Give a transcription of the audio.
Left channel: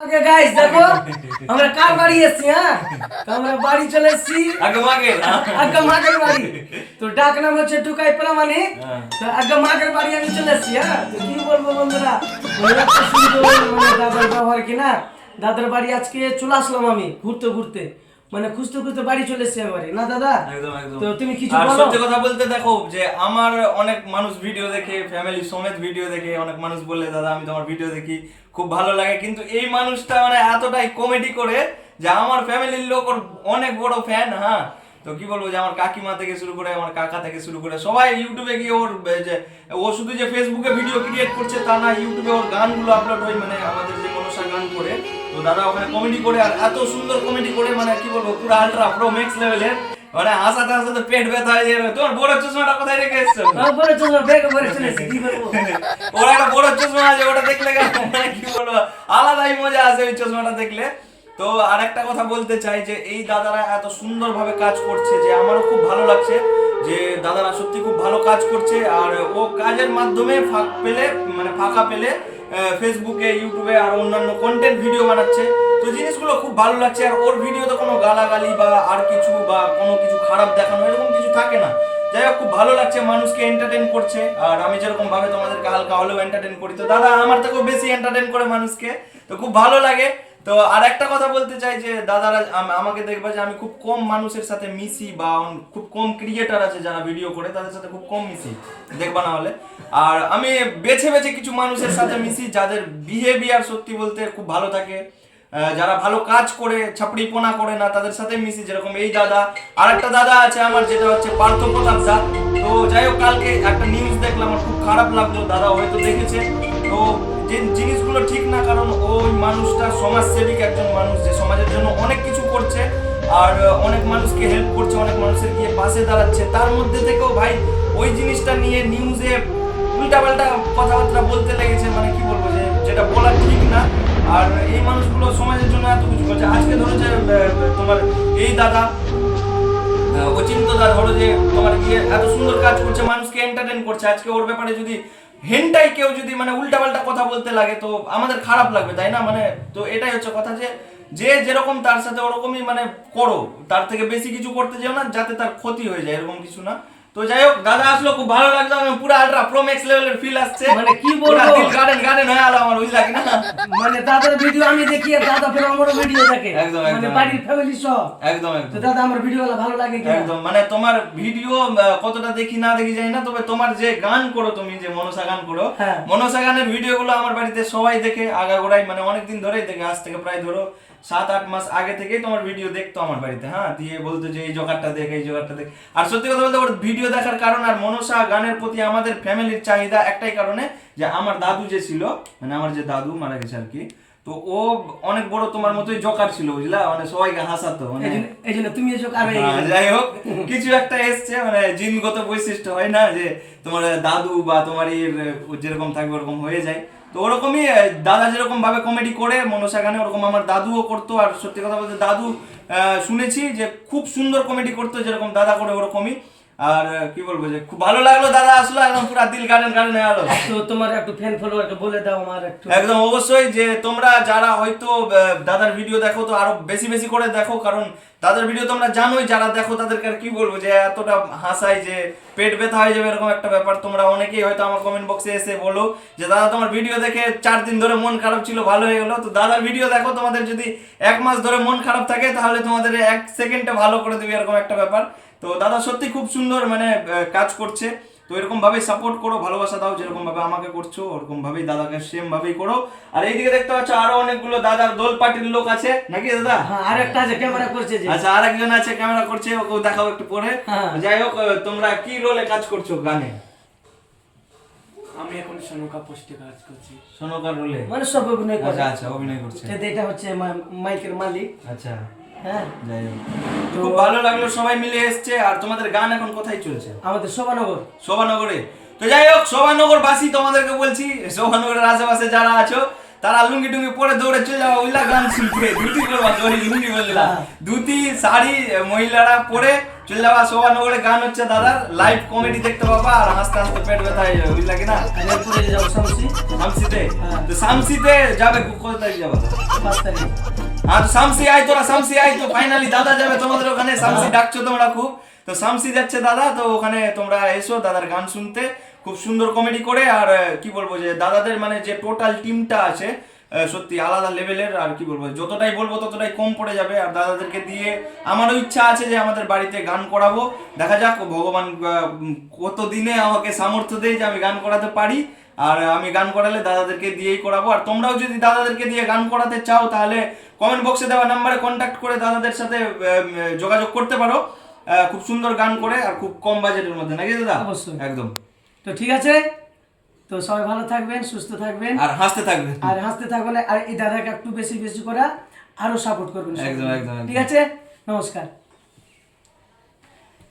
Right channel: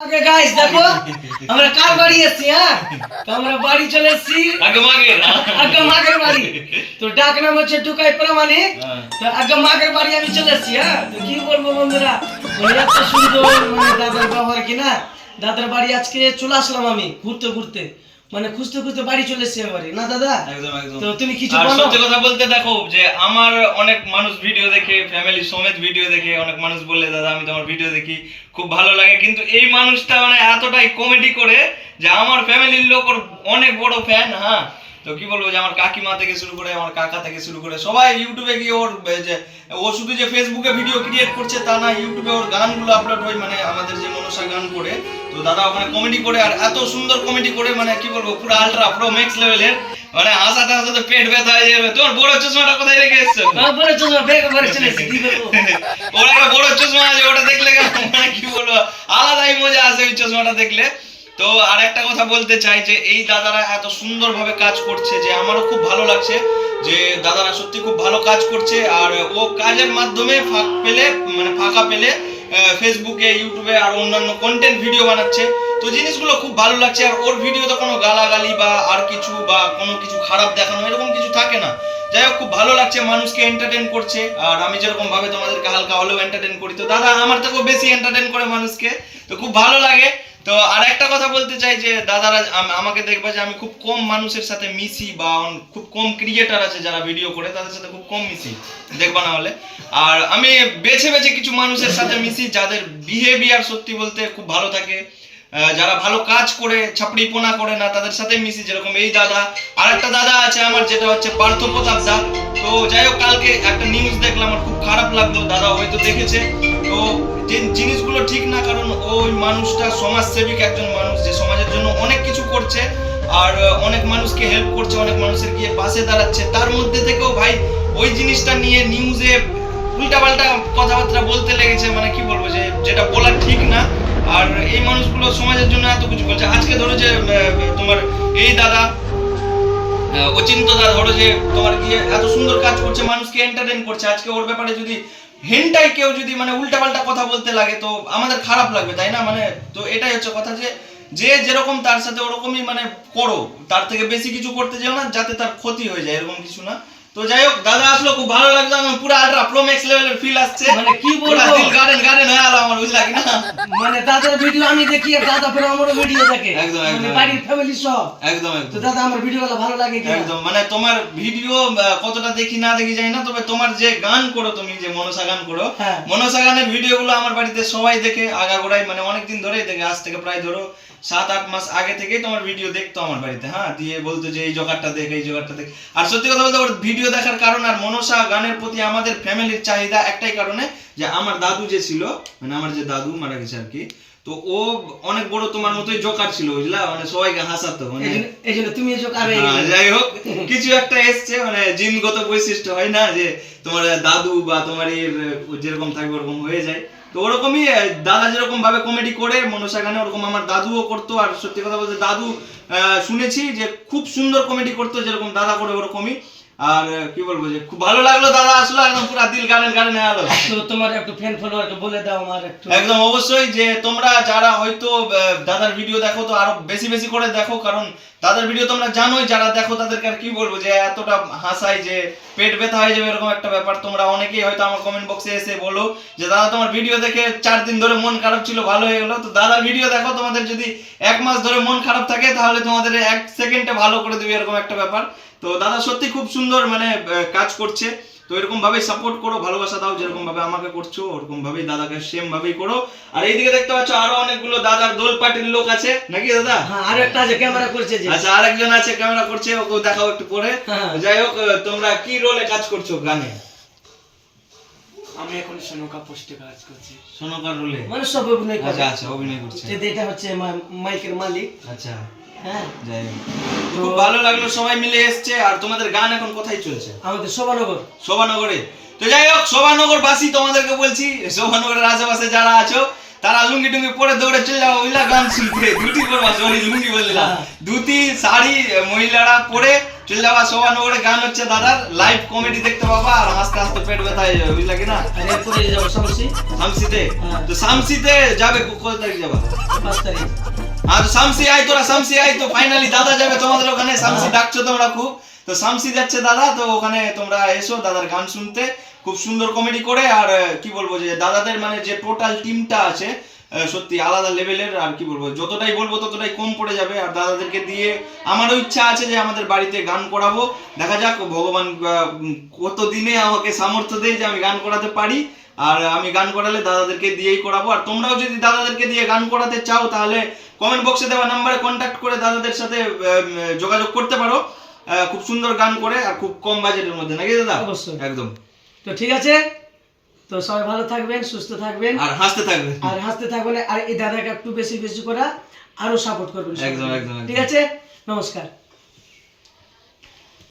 আগে গাইস দেখো আমরা কার বাড়ি এসেছি হ্যাঁ তো আমরা বাড়ি চলে এসেছি আগে মাগের বাড়ি তো ডাক নাম হচ্ছে টুকাই প্রামাণিক তো আগে মাগের বাড়ি আমি চলে এসেছি হ্যাঁ তো কি বলবো বন্ধুরা এত সুন্দর মানে দাদার ব্যবহার কি না দাদার বাড়ি আজকে চলে আসলাম আমি ঘুরতে ঘুরতে মানে খুঁজতে খুঁজতে বাড়ি চলে এসেছি বাড়ি না দাদা একদম একদম তো তুমি কিছু আর বলো সত্যি কথা বলতে দেখো যে আমার অনেক মানুষ ভিডিও দেখে ফ্যামিলি সমেত ভিডিও দেখে অনেক মানুষ বলে দাদা আমি তোমার ভিডিও দেখি খুব ভালো লাগে কিন্তু এই মানুষটা মানে এতটাই কমেডি করে যে আমার ফ্যামিলির লোক ওর অনেক বড় ফ্যান হ্যাঁ তো কি বলবো যে আমার কাকিমা থেকে শুরু করে আমার কাকা থেকে শুরু করে সবাই ইউটিউবে গিয়ে ওর যে ও শুধু যে ফেসবুকে ভিডিও ক্রিয়েট করছে তা না ইউটিউবে ওর গানগুলো আপলোড হয় মানে আমাদের যে মনসা গান করে তো দাদা ওখানে কমেডি করে আর এত সুন্দর কমেডি করে মানে কি বলবো পুরো আলট্রা প্রো ম্যাক্স লেভেলের মানে হাসাতে হাসাতে পেট ব্যথা হয়ে যাবে তোমার বড় চশমাটা কোথায় রেখে এসছো বড় চশমা ব্যাগ ভরে চলে এসেছি কি বলবো ওর একটা বড় চশমা আছে ওটা দেখলে মানে কি বলবো আলাদাই মজা আছে ওই চশমাটা দেখলে তো আর একটা কথা বলতে চাই যে এই দাদারা এত সুন্দরভাবে কাজ করছে যে আমারও খুব ভালো লাগছে যে দাদারা সত্যি খুব ভালো কাজ করছে আর ও কাজের মাধ্যমে ফাঁকা পেলে ফেসবুকে ইউটিউবে আর অন্যান্য কন্টেন্ট ভিডিও বানাচ্ছে তো জিনিসগুলো খুব ভালো লাগছে আর ওর ভিডিওতে কোনো গালাগালি বা আর কিছু বা কোনো কিছু খারাপ দেখানো এরকম কিছু থাকে না যাই হোক খুব ভালো লাগছে মানুষকে এন্টারটেন করছে আর আমি যেরকম ভাবে তোমাদেরকে হালকা হলেও এন্টারটেন করি তো দাদা আমার থেকেও বেশি এন্টারটেন করে মানুষকে তো খুব ভালো লাগে তো আর একটা কথা বলতে চাই যে দাদারা আমাকে দেখবা যে আমি খুব কম মানুষের সাথে মিশি বা খুব কম ক্রিয়েটার আছে যারা ভিডিও করে তাদের সাথে খুব কম মিশি দেখবা না হলে আর আমি বেছে বেছে কিছু মানুষের সাথে মিশি যাদের বিহেভিয়ার সত্যি বলতে খুব ভালো থাকে যারা ভালো কাজ করে ছাপড়িপোনা করে না তাদের সাথে মিশি যেরকম এই দাদা আর একটা দাদা আছে আমার যেটা হচ্ছে পার্থ প্রতাপ দা তো যাই হোক কালকে একটা নিউজ দেখলাম আমার খুব খারাপ লাগলো দাদা হয়তো দেখেছে তো যে জিনিসগুলো ঠিক না কারণ ওই মানুষটা সমাজসেবিক একজন মানুষ যে সমাজের জন্য অনেক কিছু করছে আর অনেক মানুষকে হেল্প করছে অনেক মানুষের গিয়ে পাশে দাঁড়াচ্ছে তার মধ্যে থেকেও ভাই ওই জিনিসটা নিয়ে নিউজে উল্টাপাল্টা কথাবার্তা বলতে লেগেছে মানে কি বলবো যে যেটা বলা ঠিক না আর এই মানুষগুলো সমাজের জন্য এত কিছু করছে আজকে ধরো যে তোমার এই দাদা অচিন্ত দা ধরো যে তোমার গিয়ে এত সুন্দর কাজ করছে মানুষকে এন্টারটেইন করছে আজকে ওর ব্যাপারে যদি হেনটাই কেউ যদি মানে উল্টাপাল্টা কথা বলতে লাগে তো আমাদের খারাপ লাগবে তাই না মানে তো এটাই হচ্ছে কথা যে যে যেরকম তার সাথে ওরকমই মানে করো তার থেকে বেশি কিছু করতে যেও না যাতে তার ক্ষতি হয়ে যায় এরকম কিছু না তো যাই হোক দাদা আসলো খুব ভালো লাগলো আমি পুরো আলট্রা প্রো ম্যাক্স লেভেলের ফিল আসছে মানে কি বলবো দিল গার্ডেন হয়ে গেল আমার বুঝলা কি না মানে দাদার ভিডিও আমি দেখি আর দাদা ফের আমারও ভিডিও দেখে একদম, মানে একদম। বাড়ির ফ্যামিলি সহ একদম তো একদম দাদা আমার ভিডিওগুলো ভালো লাগে কি একদম মানে তোমার ভিডিও কতটা দেখি না দেখি জানি না তবে তোমার যে গান করো তুমি যে মনসা গান করো হ্যাঁ। মনসা গানের ভিডিওগুলো আমার বাড়িতে সবাই দেখে আগাগোড়াই মানে অনেকদিন ধরেই দেখে আজ থেকে প্রায় ধরো 7-8 মাস আগে থেকেই তোমার ভিডিও দেখতো আমার বাড়িতে হ্যাঁ দিয়ে বলতো যে এই জোগাড়টা দেখ এই জোগাড়টা দেখ আর সত্যি কথা বলতে ওর ভিডিও দেখার কারণ আর মনসা গানের প্রতি আমাদের ফ্যামিলির চাহিদা একটাই কারণে যে আমার দাদু যে ছিল মানে আমার যে দাদু মারা গেছে আর কি তো ও অনেক বড় তোমার মতোই জোকার ছিল বুঝলা মানে সবাইকে হাসাতো মানে এই জন্য তুমি এসব কারে যাই হোক কিছু একটা এসছে মানে জিনগত বৈশিষ্ট্য হয় না যে তোমার দাদু বা তোমার যেরকম থাকবে ওরকম হয়ে যায় তো ওরকমই দাদা যেরকম ভাবে কমেডি করে মনসা গানে ওরকম আমার দাদুও করতো আর সত্যি কথা বলতে দাদু শুনেছি যে খুব সুন্দর কমেডি করতো যেরকম দাদা করে ওরকমই আর কি বলবো যে খুব ভালো লাগলো দাদা আসলো একদম পুরো দিল গার্ডেন হয়ে গেল তো তোমার একটু ফ্যান ফলোয়ারকে বলে দাও আমার একটু একদম অবশ্যই যে তোমরা যারা হয়তো দাদার ভিডিও দেখো তো আরো বেশি বেশি করে দেখো কারণ দাদার ভিডিও তোমরা জানোই যারা দেখো তাদেরকে আর কি বলবো যে এতটা হাসাই যে পেট ব্যথা হয়ে যাবে এরকম একটা ব্যাপার তোমরা অনেকেই হয়তো আমার কমেন্ট বক্সে এসে বলো যে দাদা তোমার ভিডিও দেখে 4 দিন ধরে মন খারাপ ছিল ভালো হয়ে গেলো তো দাদার ভিডিও দেখো তোমাদের যদি 1 মাস ধরে মন খারাপ থাকে তাহলে তোমাদের 1 সেকেন্ডে ভালো করে দেবে এরকম একটা ব্যাপার তো দাদা সত্যি খুব সুন্দর মানে কাজ করছে তো এরকম ভাবেই সাপোর্ট করো ভালোবাসা দাও যেরকম ভাবে আমাকে করছো ওরকম ভাবেই দাদাকে সেম ভাবেই করো আর এইদিকে দেখতে পাচ্ছ আরো অনেকগুলো দাদার দোল পার্টির লোক আছে নাকি দাদা হ্যাঁ আর একটা আছে ক্যামেরা করছে যে আচ্ছা আরেকজন আছে ক্যামেরা করছে ওকে দেখাও একটু পরে হ্যাঁ। যাই হোক তোমরা কি রোলে কাজ করছো গানে আমি এখন সনুকা পোস্টে কাজ করছি সোনকার রোলে মানে সব অভিনয় করে আচ্ছা আচ্ছা অভিনয় করছে এটা হচ্ছে মাইকের মালিক আচ্ছা হ্যাঁ যাই হোক খুব ভালো লাগলো সবাই মিলে এসছে আর তোমাদের গান এখন কোথায় চলছে আমাদের শোভানগর শোভানগরে তো যাই হোক শোভানগর বাসী তোমাদেরকে বলছি শোভানগরের আশেপাশে যারা আছো তারা লুঙ্গি টুঙ্গি পরে দৌড়ে চলে যাও ওইলা গান শুনতে ধুতি পরবা সরি লুঙ্গি বললাম ধুতি শাড়ি মহিলারা পরে চলে যাবা শোভানগরে, গান হচ্ছে দাদার, লাইভ কমেডি দেখতে পাবা আর হাসতে হাসতে পেট ব্যথা হয়ে যাবে, বুঝলা কি না? আর এরপরে যাবো শামসি শামসিতে, হ্যাঁ। তো শামসিতে যাবে কত তারিখ যাবা? 5 তারিখ। হ্যাঁ তো শামসি আয়, তোরা শামসি আয়, তো ফাইনালি দাদা যাবে তোমাদের ওখানে, শামসি ডাকছো তোমরা খুব, তো শামসি যাচ্ছে দাদা, তো ওখানে তোমরা এসো দাদার গান শুনতে, খুব সুন্দর কমেডি করে। আর কি বলবো যে দাদাদের মানে যে টোটাল টিমটা আছে সত্যি আলাদা লেভেলের, আর কি বলবো যতটাই বলবো ততটাই কম পড়ে যাবে। আর দাদাদেরকে দিয়ে আমারও ইচ্ছা আছে যে আমাদের বাড়িতে গান করাবো, দেখা যাক ভগবান কত দিনে আমাকে সামর্থ্য দেয় যে আমি গান করাতে পারি। আর আমি গান করালে দাদাদেরকে দিয়েই করাবো। আর তোমরাও যদি দাদাদেরকে দিয়ে গান করাতে চাও তাহলে কমেন্ট বক্সে দেওয়া নাম্বারে কন্ট্যাক্ট করে দাদাদের সাথে যোগাযোগ করতে পারো। খুব সুন্দর গান করে আর খুব কম বাজেটের মধ্যে, নাকি দাদা? অবশ্যই। একদম। তো ঠিক আছে, তো সবাই ভালো থাকবেন, সুস্থ থাকবেন আর হাসতে থাকবে। আর হাসতে থাকবেন। আর এই দাদাকে একটু বেশি বেশি করা আরো সাপোর্ট করবেন। একদম, একদম, একদম। ঠিক আছে, নমস্কার।